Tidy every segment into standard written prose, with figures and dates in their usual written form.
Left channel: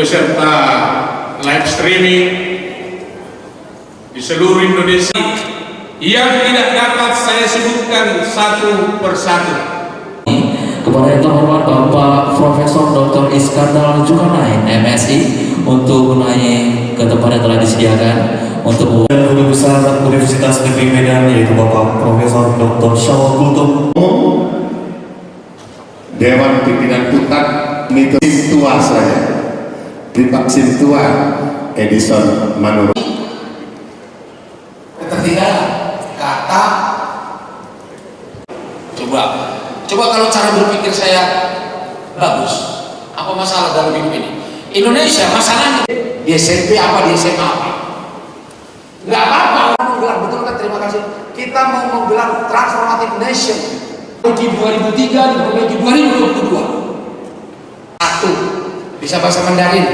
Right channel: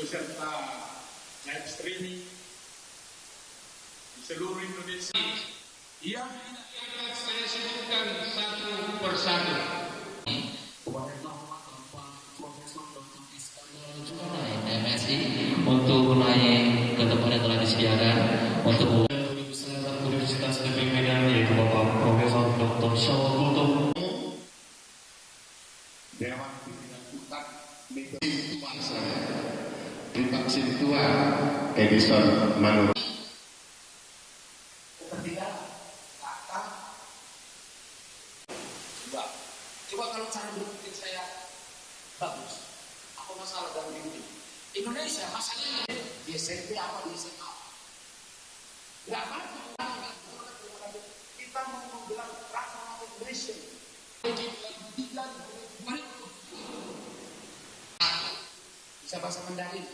peserta live streaming di seluruh Indonesia yang tidak dapat saya sebutkan satu persatu. Kepada yang terhormat Bapak Profesor Dr. Iskandar Zulkarnain, MSI, untuk menaiki ke tempat yang telah disediakan untuk Guru Besar Universitas Negeri Medan, yaitu Bapak Profesor Dr. Syawal Kultum. Dewan Pimpinan Pusat mitos tua saya di vaksin tua Edison Manurung. Ketertinggalan kata coba kalau cara berpikir saya bagus, apa masalah dalam hidup ini? Indonesia masalahnya di SMP apa, di SMA apa? Nggak apa-apa. Menggelar, betul kan? Terima kasih. Kita mau menggelar transformative nation di 2003 diperbaiki 2022. 1. Bisa bahasa Mandarin.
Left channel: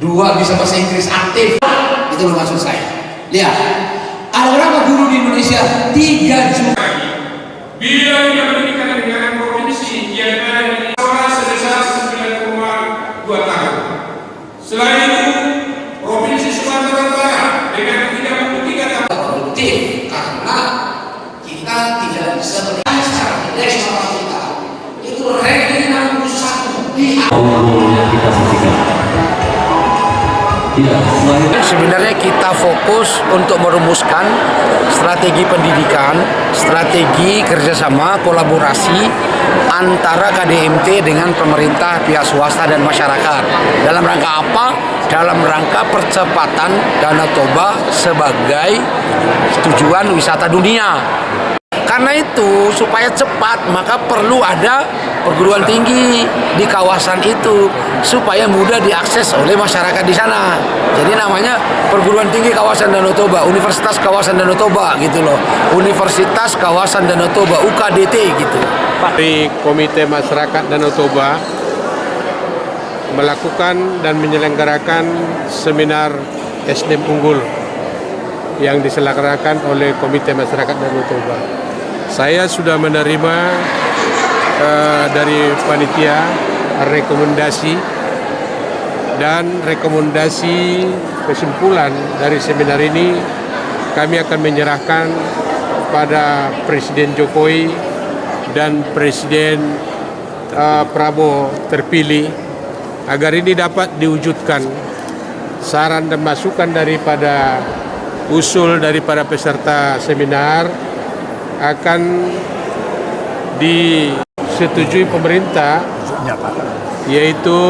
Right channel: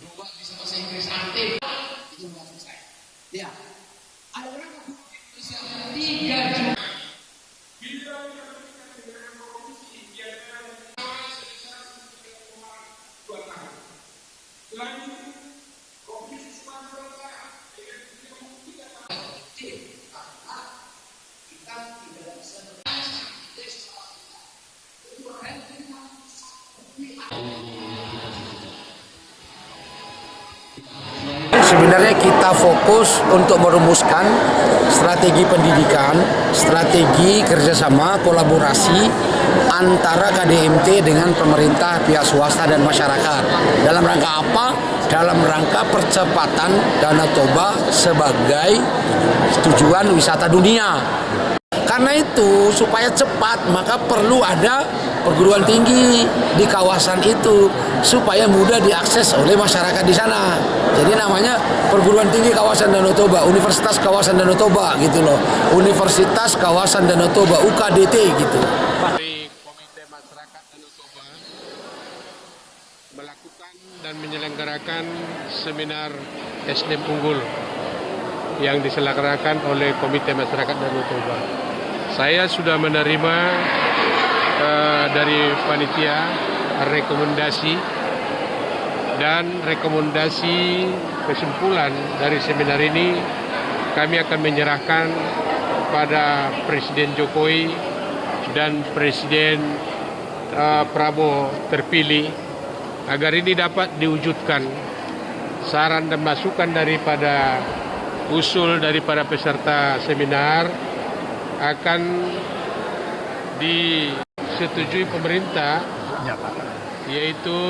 2. Bisa bahasa Inggris aktif. Itu loh maksud saya. Lihat, ada berapa guru di Indonesia? 3 juta. Bila yang pendidikan dengan provinsi yang ada suara sebesar 9,2 tahun. Selain itu, provinsi Sumatera Utara dengan 33 tahun. Produktif karena kita tidak bisa berjalan secara indeks sama kita. Itu ranking 61 di yang kita saksikan. Sebenarnya kita fokus untuk merumuskan strategi pendidikan, strategi kerjasama, kolaborasi antara KDMT dengan pemerintah, pihak swasta dan masyarakat. Dalam rangka apa? Dalam rangka percepatan Danau Toba sebagai tujuan wisata dunia. Karena itu supaya cepat maka perlu ada perguruan tinggi di kawasan itu supaya mudah diakses oleh masyarakat di sana. Jadi namanya perguruan tinggi kawasan Danau Toba, Universitas Kawasan Danau Toba gitu loh. Universitas Kawasan Danau Toba, UKDT gitu. Dari Komite Masyarakat Danau Toba melakukan dan menyelenggarakan seminar SDM unggul yang diselenggarakan oleh Komite Masyarakat Danau Toba. Saya sudah menerima dari panitia rekomendasi kesimpulan dari seminar ini kami akan menyerahkan pada Presiden Jokowi dan Presiden Prabowo terpilih agar ini dapat diwujudkan. Saran dan masukan daripada usul daripada peserta seminar akan disetujui pemerintah, yaitu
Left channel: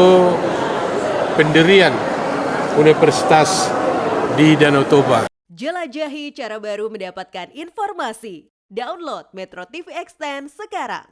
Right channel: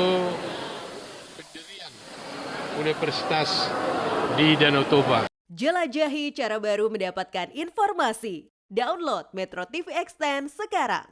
pendirian universitas di Danau Toba. Jelajahi cara baru mendapatkan informasi. Download Metro TV Extend sekarang.